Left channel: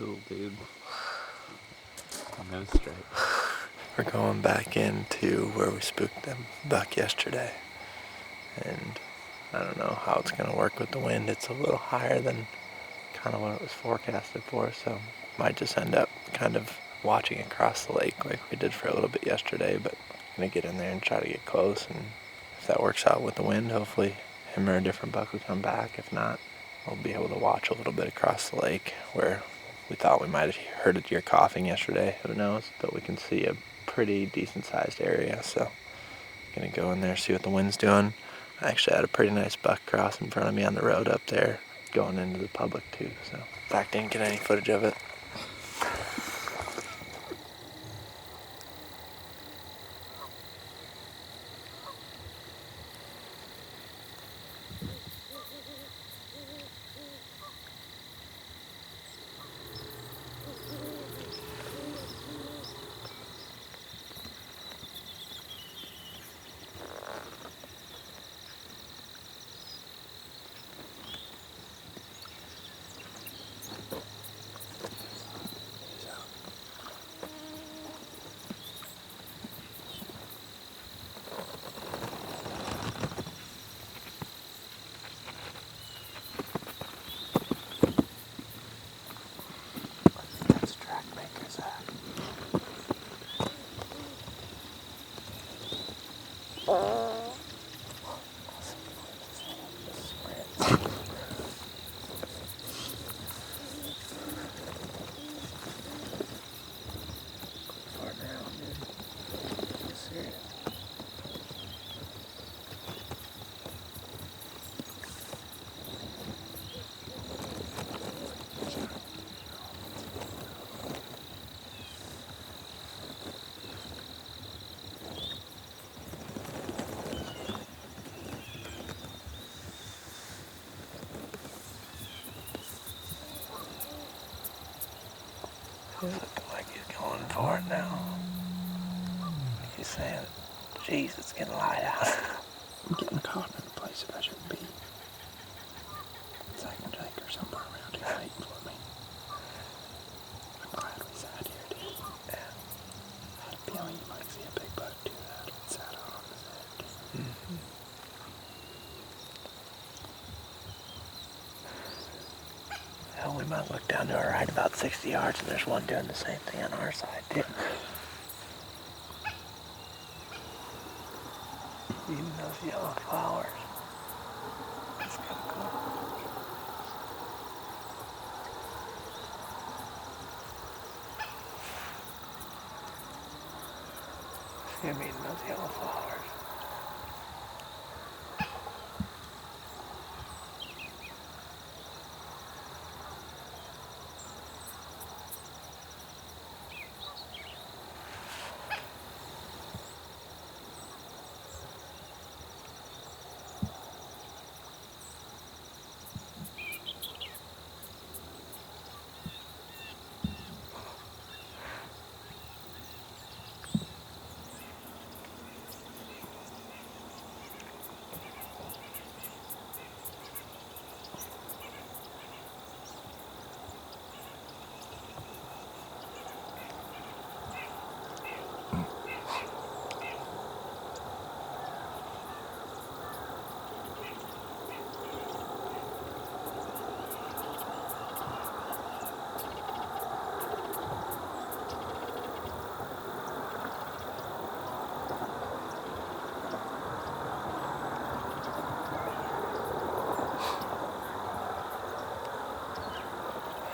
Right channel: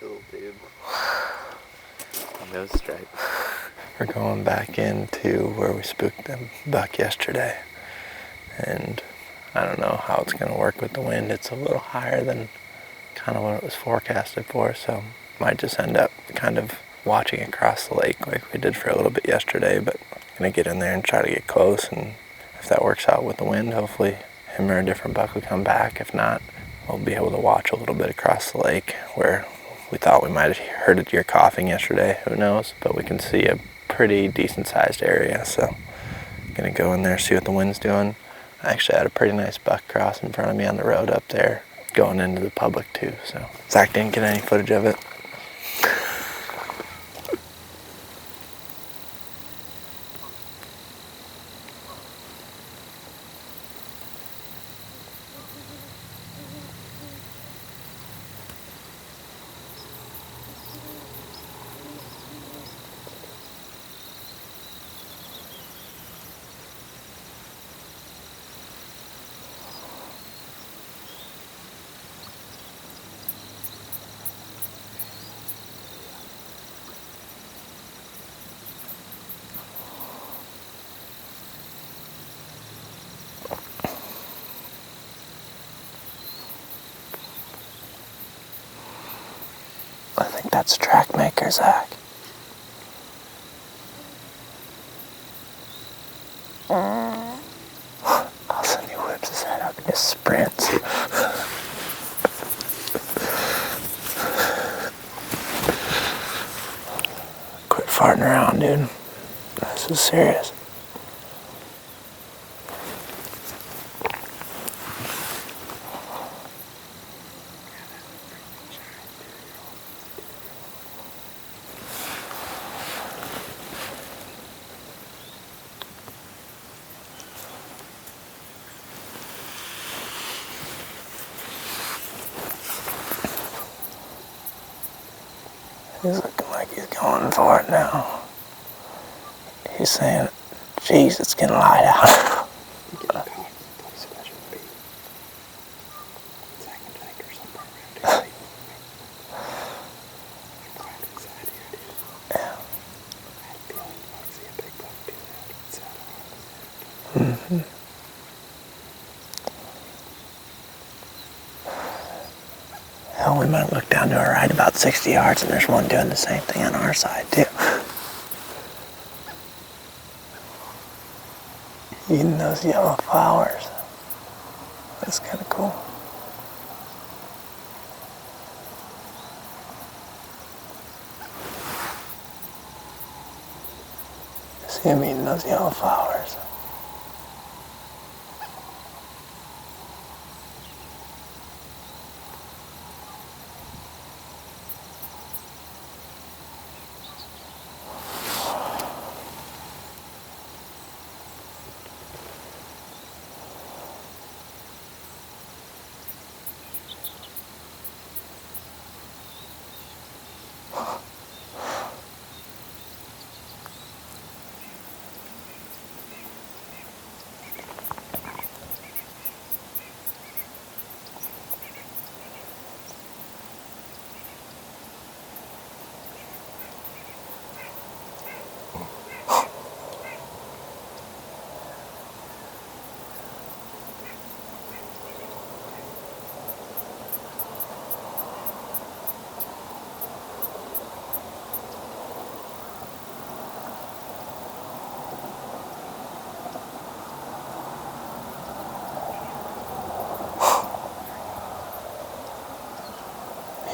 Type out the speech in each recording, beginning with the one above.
cool, dude. No stripes. We're going back into where we spooked the buck yesterday. And I don't know how it's going to work with the wind. It's a little higher than kind of what it was forecasted for, so might just end up kind of watching across the lake like we did for a little bit yesterday, but I'm going to get in there and try to get close, and if that works out with the wind, hopefully him or a different buck will come back. If not, we'll be able to watch a little bit across the lake where we thought we might have heard a deer coughing yesterday, who knows, but we can see a pretty decent sized area, so I'm going to go in there, see what the wind's doing. I actually had a pretty nice buck cross in front of me on the road up there, going into the public too, so Zach didn't get any footage of it. I think that's track maker, Zach. All of a sudden he whips his head up and just sprints. Quit farting around, dude. This is serious. He's looking like he's going for it now. He's saying, geez, it's getting light out. I'm getting caught in a place that I shouldn't be. Second lake or somewhere around here waiting for me. I'm climbing inside here, dude. Yeah. I had a feeling you might see a big buck do that. It's that off. Mm-hmm. Hell, we might look down to our right about 60 yards, and there's one doing the same thing on our side, too. Eating those yellow flowers. That's kind of cool. See him eating those yellow flowers.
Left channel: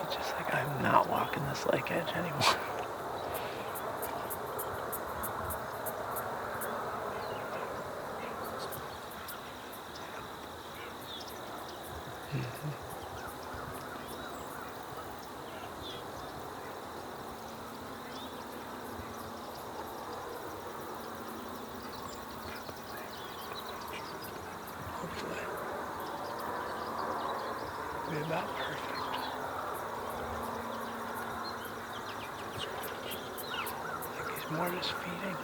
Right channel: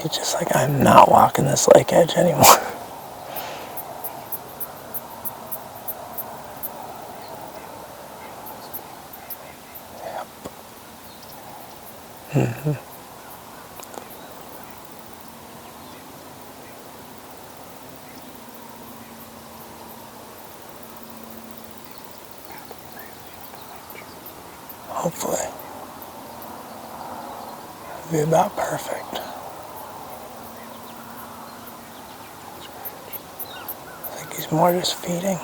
He's just like, I'm not walking this lake edge anymore. Yep. Mm-hmm. Hopefully. It'll be about perfect. I think he's more just feeding.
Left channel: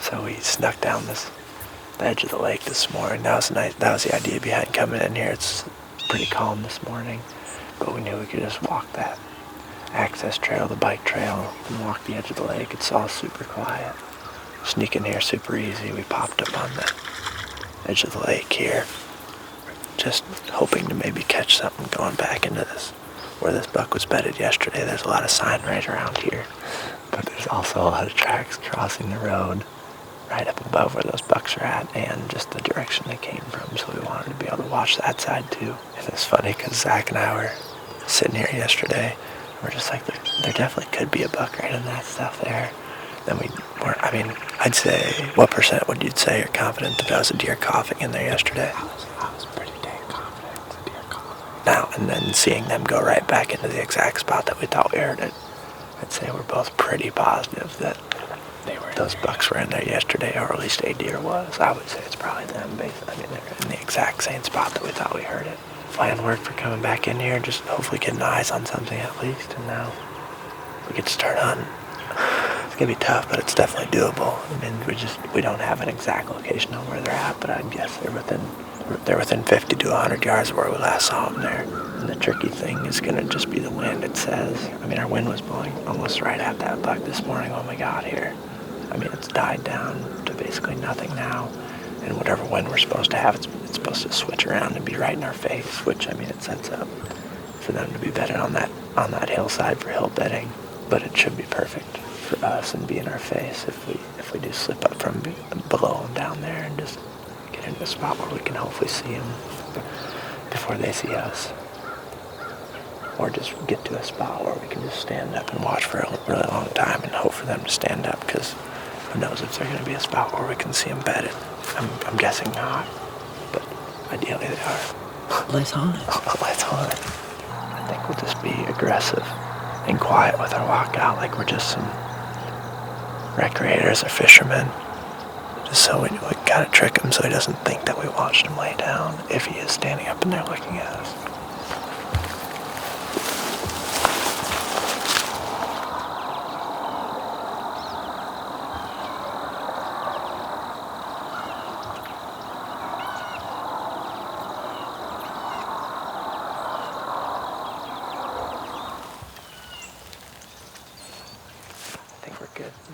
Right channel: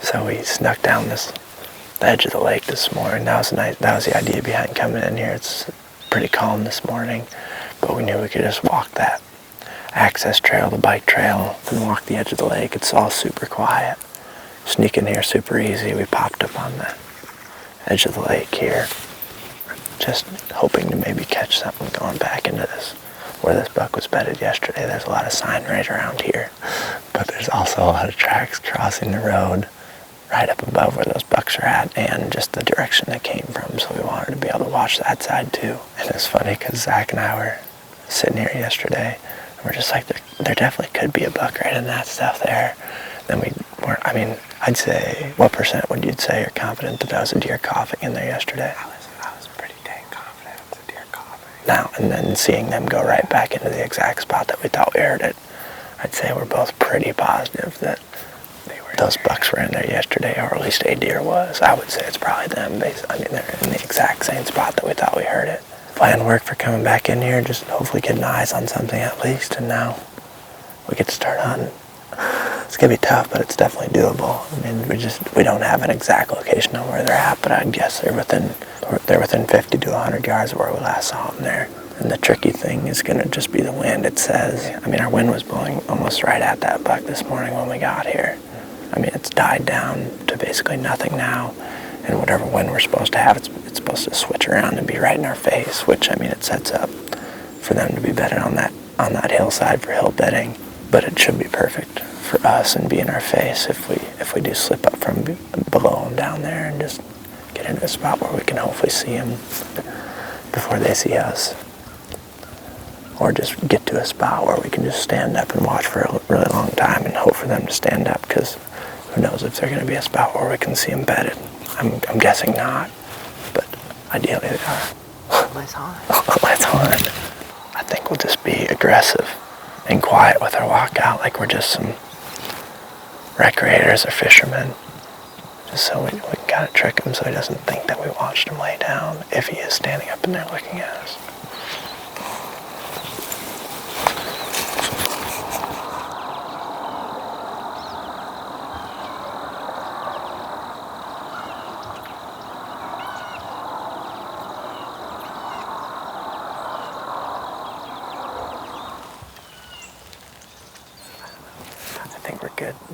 So we snuck down this the edge of the lake this morning. That was nice. That was the idea behind coming in here. It's pretty calm this morning, but we knew we could just walk that access trail, the bike trail, and walk the edge of the lake. It's all super quiet. Sneak in here super easy. We popped up on the edge of the lake here, just hoping to maybe catch something going back into this, where this buck was bedded yesterday. There's a lot of sign right around here, but there's also a lot of tracks crossing the road right up above where those bucks are at, and just the direction they came from, so we wanted to be able to watch that side too. And it's funny because Zach and I were sitting here yesterday, and we're just like, there definitely could be a buck right in that stuff there. Then we weren't, I mean, I'd say, what percent would you say you're confident that there was a deer coughing in there yesterday? I was pretty dang confident it was a deer coughing. Now, and then seeing them go right back into the exact spot that we thought we heard it, I'd say we're both pretty positive that those bucks were in there yesterday, or at least a deer was. I would say it's probably them. I mean, they're in the exact same spot that we thought we heard it. Plan work for coming back in here, just hopefully getting eyes on something at least, and now we get to start hunting. It's gonna be tough, but it's definitely doable. I mean, we don't have an exact location on where they're at, but I'd guess they're within 50 to 100 yards of where we last saw them there. And the tricky thing is gonna just be the wind, it says. I mean, our wind was blowing almost right at that buck this morning when we got here. I mean, it's died down to basically nothing now. And whatever wind we're supposed to have, it's supposed to switch around and be right in our face, which, I mean, it sets up for them to be bedded on that hillside for hill bedding. But it should be perfect for us and be in our face if we do slip up from below them down there and just get into a spot where we can hopefully see them before they see us. Or just get to a spot where we can just stand up and watch for a really long time and hope for them to stand up, because who knows if they're going to be a spot where we can see them bedded. I'm guessing not, but ideally they are. Let's hunt. Let's hunt. I think we'll just be aggressive and quiet with our walkout, like we're just some recreators or fishermen. Just so we gotta trick him so he doesn't think that we watched him lay down, if he is standing up in there looking at us.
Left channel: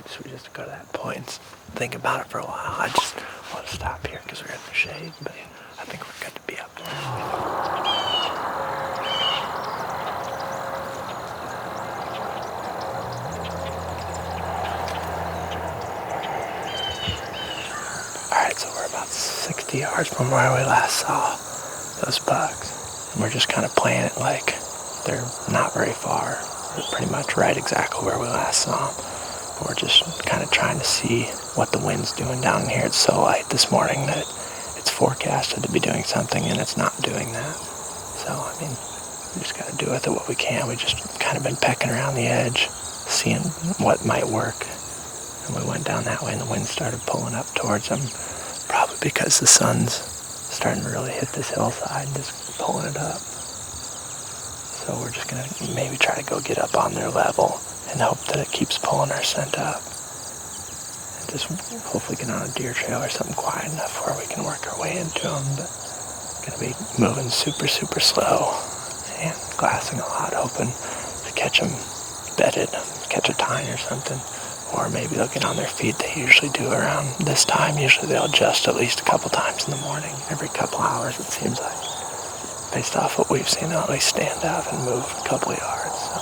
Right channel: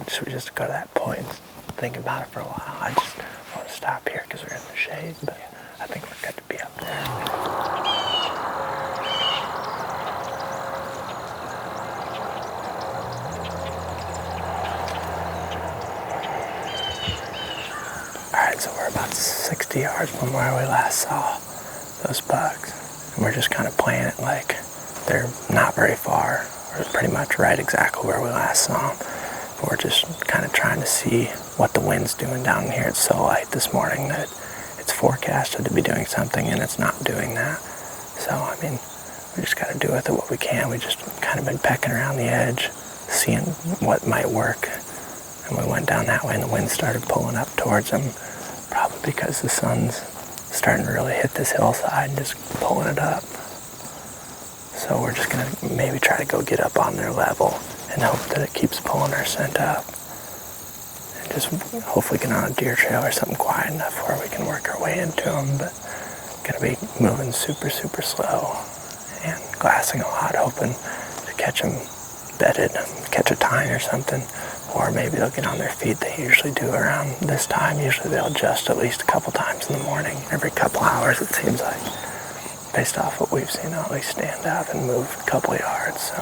Should we just go to that point and think about it for a while? I just want to stop here because we're in the shade, but I think we're good to be up there. Alright, so we're about 60 yards from where we last saw those bucks. And we're just kind of playing it like they're not very far. We're pretty much right exactly where we last saw them. We're just kind of trying to see what the wind's doing down here. It's so light this morning that it's forecasted to be doing something, and it's not doing that. So, I mean, we just got to do with it what we can. We just kind of been pecking around the edge, seeing what might work. And we went down that way, and the wind started pulling up towards them, probably because the sun's starting to really hit this hillside, just pulling it up. So we're just going to maybe try to go get up on their level and hope that it keeps pulling our scent up. And just hopefully get on a deer trail or something quiet enough where we can work our way into them. But gonna be moving super, super slow and glassing a lot, hoping to catch them bedded, catch a tine or something. Or maybe they'll get on their feet. They usually do around this time. Usually they'll adjust at least a couple times in the morning. Every couple hours, it seems like. Based off what we've seen, they'll always stand up and move a couple of yards. So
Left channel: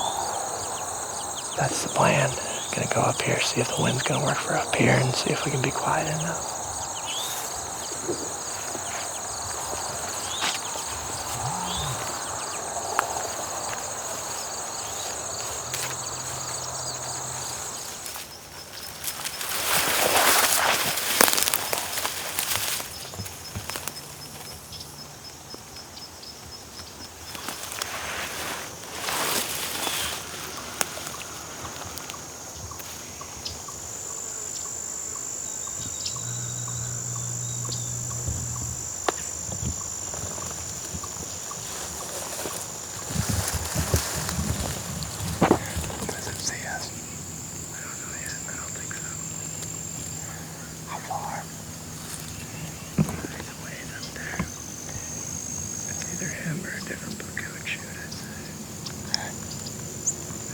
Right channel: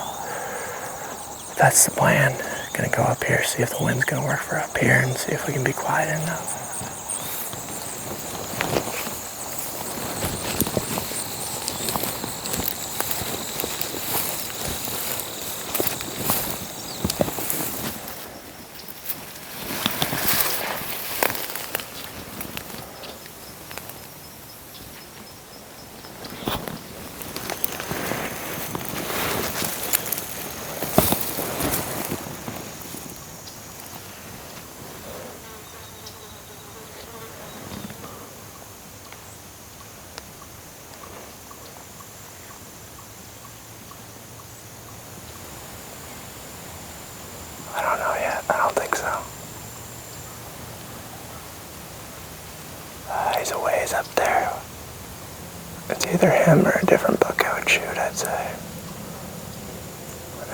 that's the plan. Gonna go up here, see if the wind's gonna work for up here, and see if we can be quiet enough. he's a ways up there. It's either him or a different buck I would shoot, I'd say.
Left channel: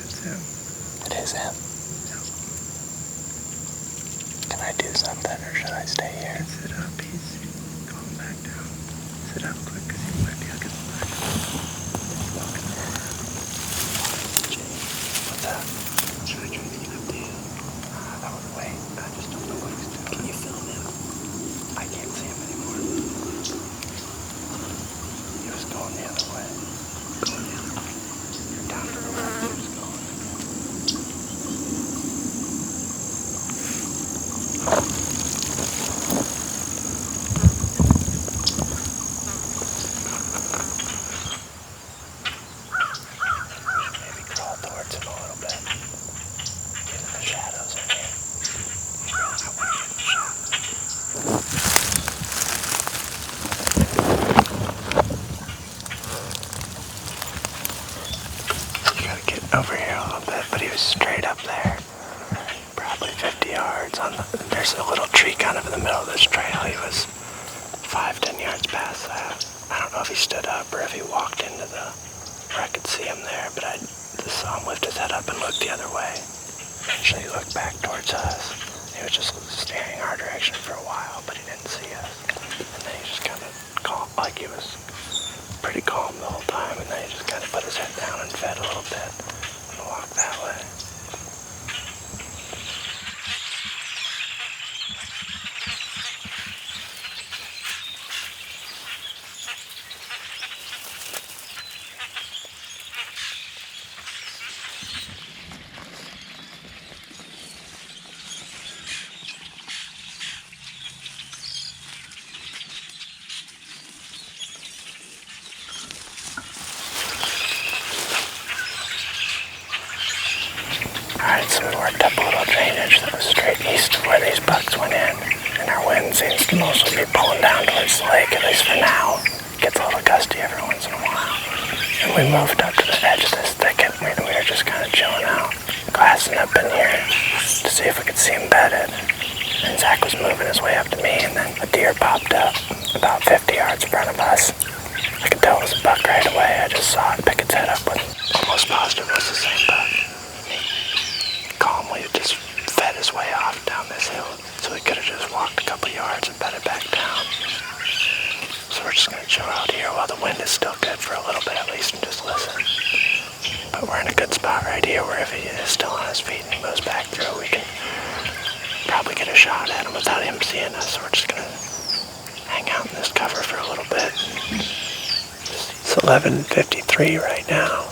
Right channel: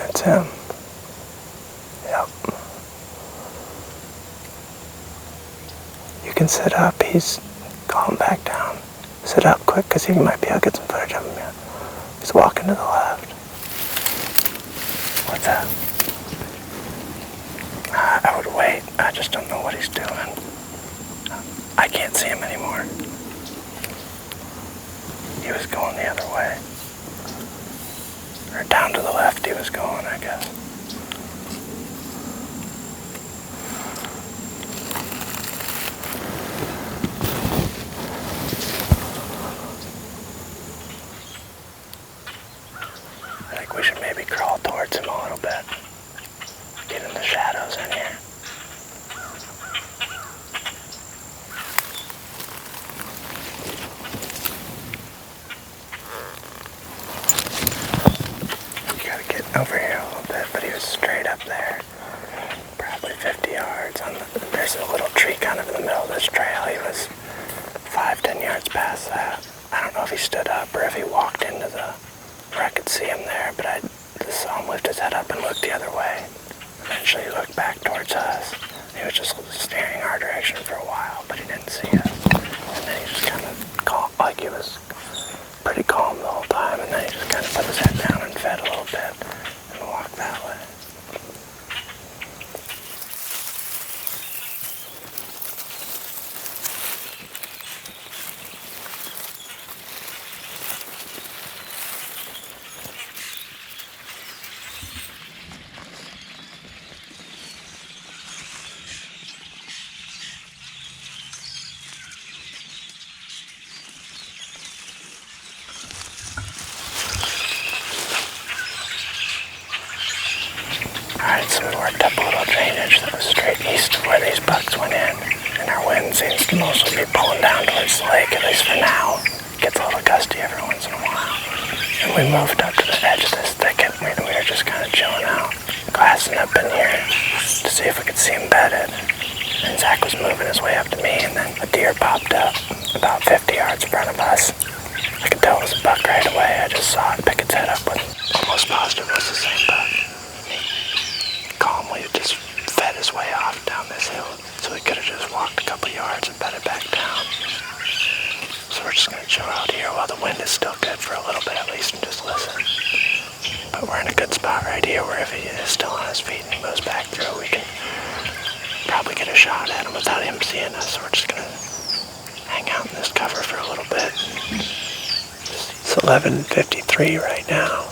It's him. It is him. Yep. Can I do something or should I stay here? You can sit up. He's calling back down. Sit up quick because he might be able to get some footage of him. He's walking to the left. What's that? I would wait. I just don't know what he's doing. I can't see him anymore. He was going the other way. Or down to the left he was going, I guess. I think we should maybe crawl towards him a little bit. Get in the shadows in here. You gotta get over here a little bit, but he was straight up there. Probably 50 yards. There's a little tree kind of in the middle of this trail. He was 5-10 yards past that. I don't know if he stood up or if he walked into where I could see him there, but I just saw him lift his head up and look the other way. Eventually he looked back towards us. He was just staring our direction for a while, but he didn't see us. And then he just kind of calm, like he was pretty calm the whole time, and then he just kind of put his head down and fed a little bit and walked that way. Alright, so we worked up a little drainage that was straight east of where these bucks went in, and our wind seems to mostly be pulling down towards the lake, at least for now. It gets a little gusty every once in a while. And we moved up to the edge of this thicket, and we were just kind of chilling out, glassing up in here to see if we could see him bedded. And Zach was moving his way up to me, and then a deer popped up about 50 yards in front of us. I could tell it was a buck right away. I just saw it pick its head up with almost positive it was the same buck. Calmly just fed his way off down this hill, so he could have just walked a couple yards and bedded back down. So we're just going to chill out here while the wind is still good for a little bit at least and just listen. But we're in a good spot right here where if he is still on his feet and he moves back through, we can probably get a shot at him without him seeing us. So we're just going to hang out in this cover for a little bit. It's 11:53 right now.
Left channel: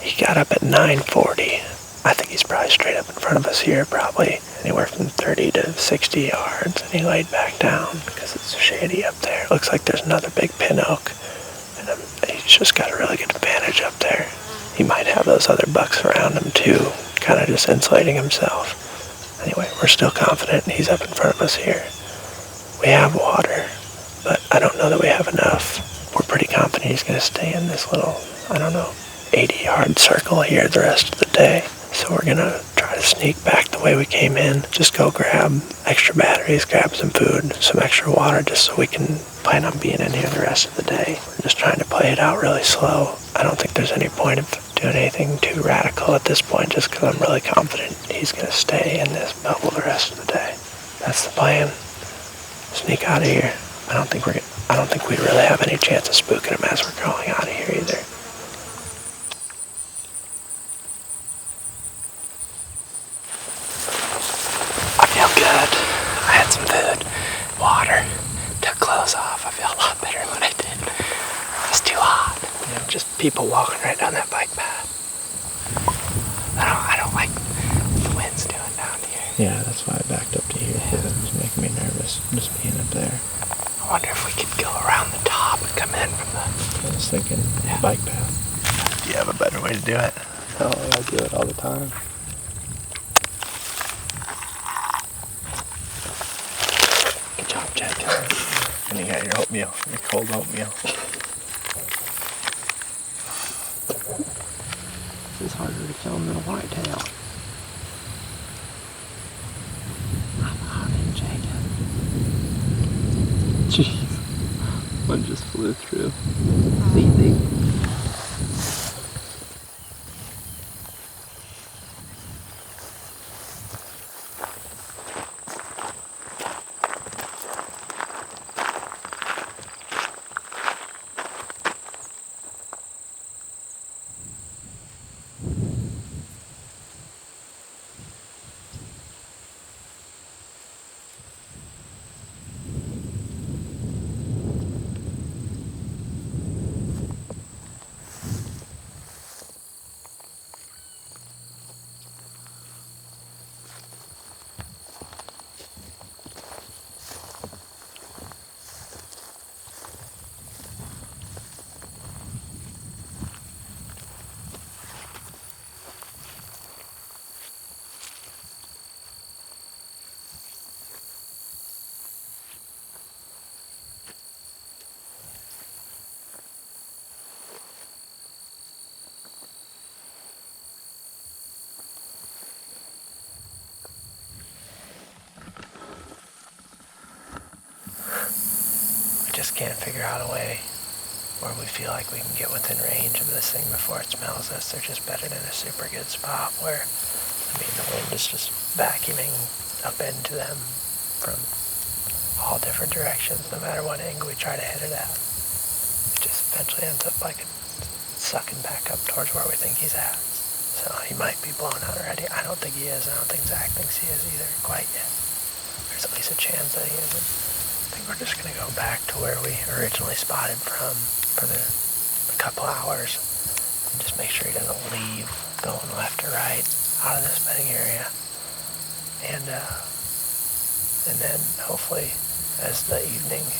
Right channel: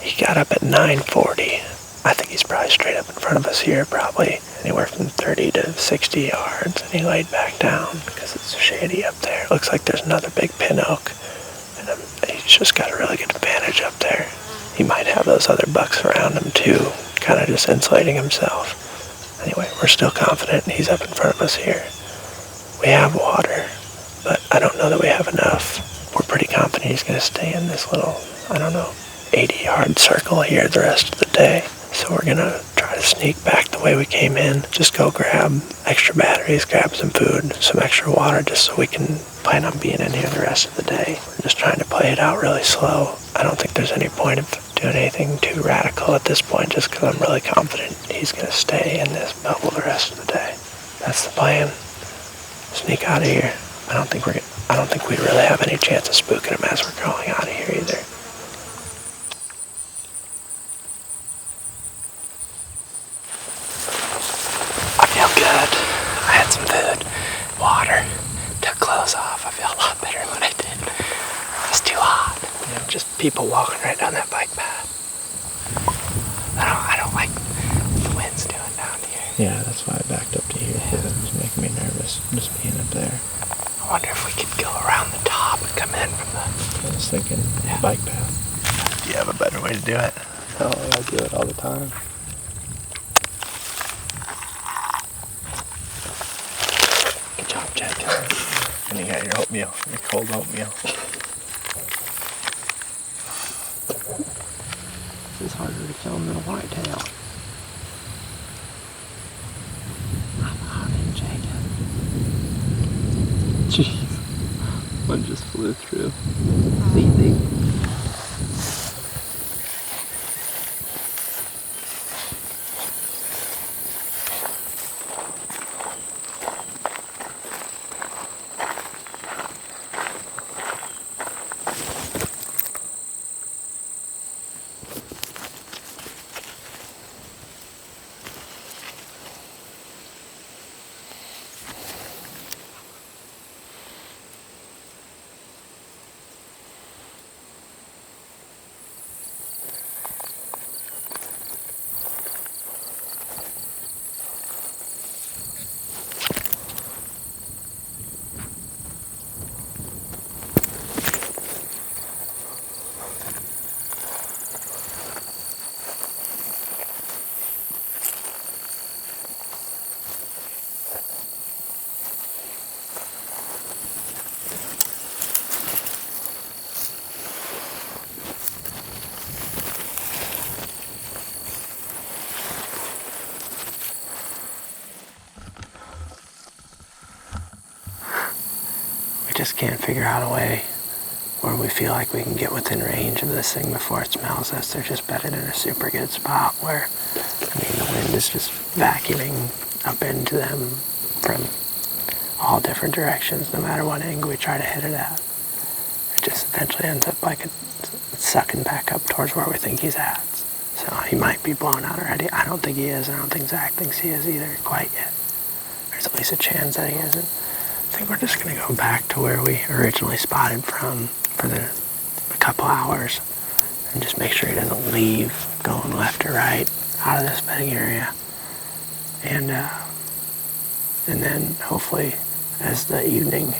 He got up at 9:40. I think he's probably straight up in front of us here, probably anywhere from 30 to 60 yards, and he laid back down because it's shady up there. It looks like there's another big pin oak, and he's just got a really good advantage up there. He might have those other bucks around him too, kind of just insulating himself. Anyway, we're still confident he's up in front of us here. We have water, but I don't know that we have enough. We're pretty confident he's going to stay in this little, 80-yard circle here the rest of the day. So we're going to try to sneak back the way we came in. Just go grab extra batteries, grab some food, some extra water, just so we can plan on being in here the rest of the day. We're just trying to play it out really slow. I don't think there's any point of doing anything too radical at this point, just because I'm really confident he's going to stay in this bubble the rest of the day. That's the plan. Sneak out of here. I don't think we really have any chance of spooking him as we're crawling out of here either. I feel good. I had some food, water, took clothes off. I feel a lot better than what I did. It's too hot. Just people walking right down that bike path. I don't like the wind's doing down here. Yeah, that's why I backed up to here, because it was making me nervous just being up there. I wonder if we could go around the top and come in from the... I was thinking bike path. Do you have a better way to do it? Oh, I do it all the time. Good job, Jack. And you got your oatmeal, your cold oatmeal. This is harder to kill than a whitetail. I'm on it, Jacob. Jeez. One just flew through. Easy. We just can't figure out a way where we feel like we can get within range of this thing before it smells us. They're just bedded in a super good spot where, the wind is just vacuuming up into them from all different directions, no matter what angle we try to hit it at. It just eventually ends up like it's sucking back up towards where we think he's at. So he might be blown out already. I don't think he is. I don't think Zach thinks he is either quite yet. There's at least a chance that he isn't. I think we're just going to go back to where we originally spotted from for a couple hours and just make sure he doesn't leave going left or right out of this bedding area. And then hopefully as the evening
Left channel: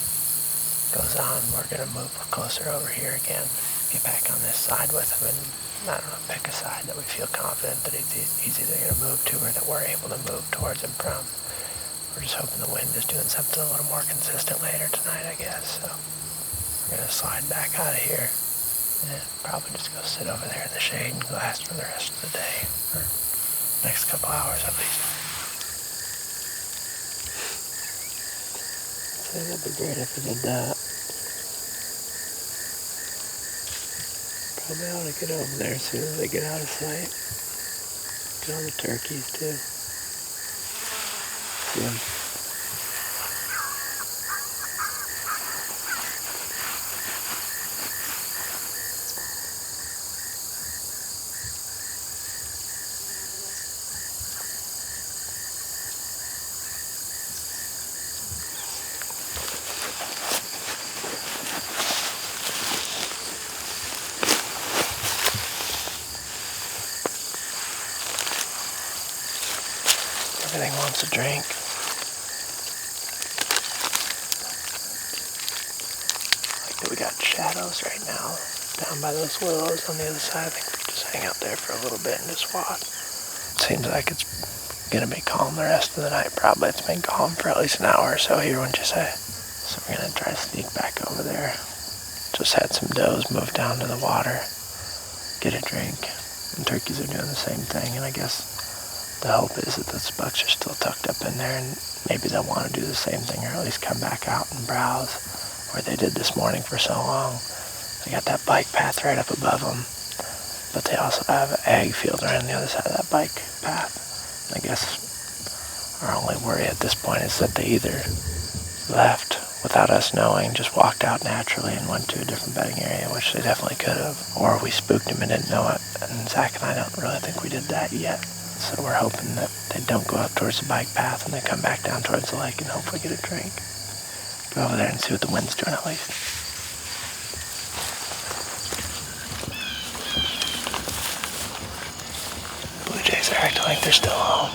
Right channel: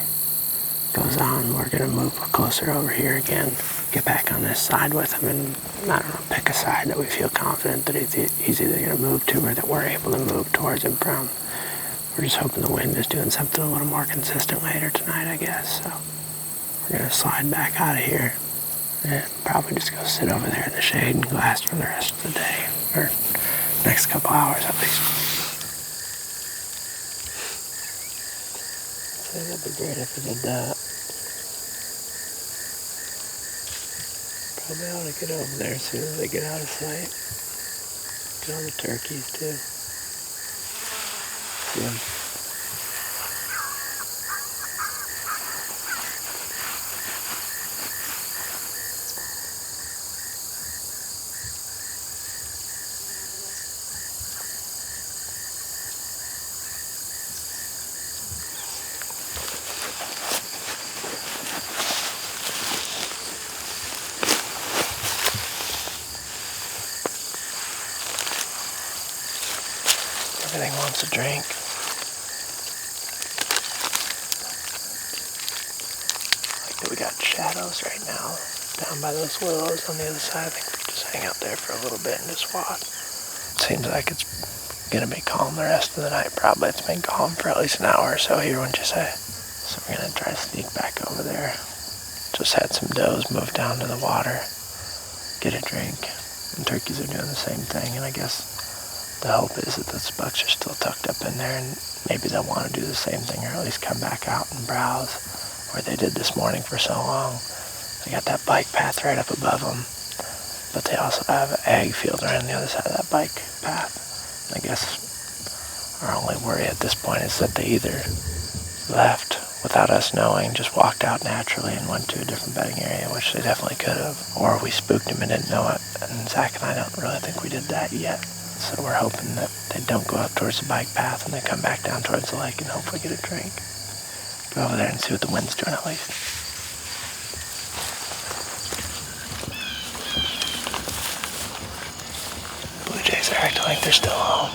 goes on, we're going to move closer over here again, get back on this side with him, and I don't know, pick a side that we feel confident that he's either going to move to or that we're able to move towards him from. We're just hoping the wind is doing something a little more consistent later tonight, I guess. So we're going to slide back out of here and probably just go sit over there in the shade and glass for the rest of the day, or next couple hours at least. So that'd be great if we did that. Probably ought to get over there as soon as they get out of sight. Get on the turkeys too. See them. Everything wants a drink. Like that we got shadows right now down by those willows on the other side. I think we just hang out there for a little bit and just watch. Seems like it's gonna be calm the rest of the night. Probably it's been calm for at least an hour or so here, wouldn't you say? So we're gonna try to sneak back over there. Just had some does move down to the water, get a drink. And turkeys are doing the same thing, and I guess the hope is that the bucks are still tucked up in there, and maybe they'll want to do the same thing, or at least come back out and browse where they did this morning for so long. They got that bike path right up above them, but they also have an ag field right on the other side of that bike path. I guess our only worry at this point is that they either left without us knowing, just walked out naturally and went to a different bedding area, which they definitely could have, or we spooked them and didn't know it. And Zach and I don't really think we did that yet. So we're hoping that they don't go out towards the bike path and they come back down towards the lake and hopefully get a drink. Go over there and see what the wind's doing at least. Blue jays are acting like they're still home.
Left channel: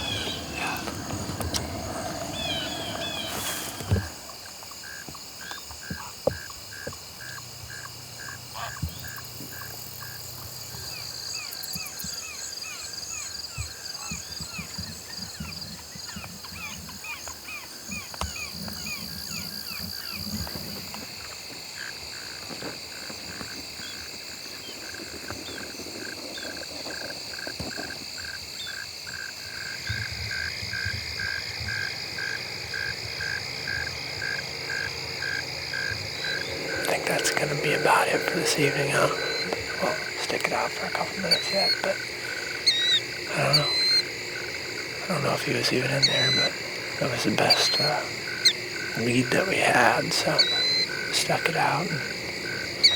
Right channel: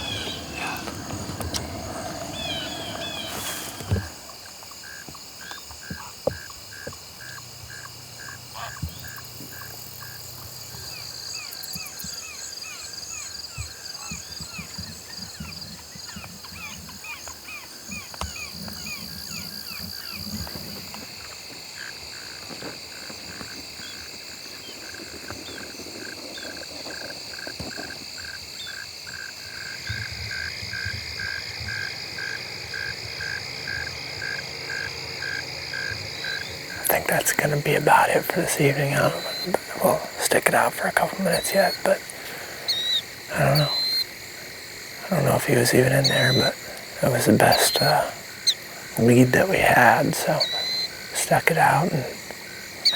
that's going to be about it for this evening. We'll stick it out for a couple minutes yet, but I don't know. I don't know if he was even in there, but it was the best lead that we had, so stuck it out. And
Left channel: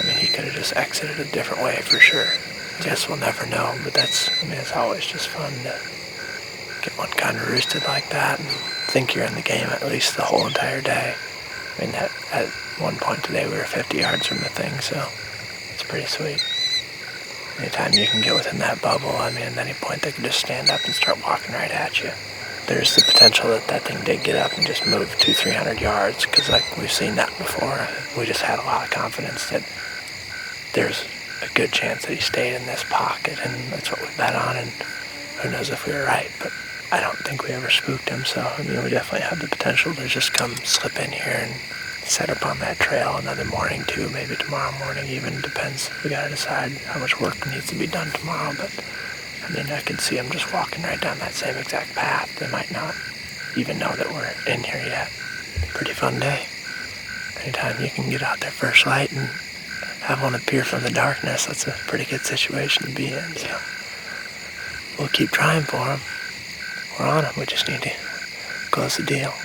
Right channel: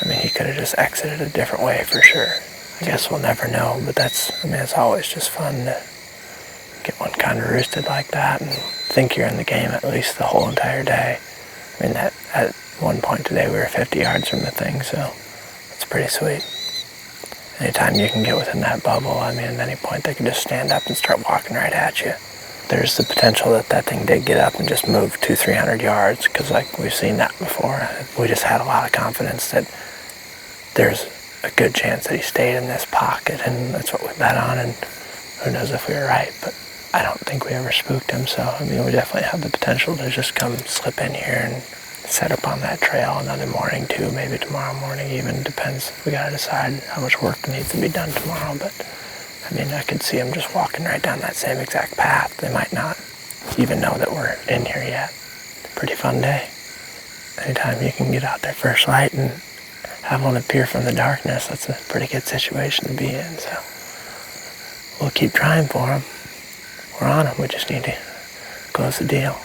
I mean, he could have just exited a different way for sure. I guess we'll never know, but it's always just fun to get one kind of roosted like that and think you're in the game at least the whole entire day. I mean, at one point today we were 50 yards from the thing, so it's pretty sweet. Anytime you can get within that bubble, I mean, at any point they can just stand up and start walking right at you. There's the potential that thing did get up and just move 200-300 yards, because like we've seen that before. We just had a lot of confidence that there's a good chance that he stayed in this pocket, and that's what we bet on, and who knows if we were right, but I don't think we ever spooked him, so I mean, we definitely have the potential to just come slip in here and set up on that trail another morning too, maybe tomorrow morning even, depends. We gotta decide how much work needs to be done tomorrow, but I mean, I could see them just walking right down that same exact path. They might not even know that we're in here yet. Pretty fun day. Anytime you can get out there first light and have one appear from the darkness, that's a pretty good situation to be in, so we'll keep trying for them. We're on them, we just need to close the deal.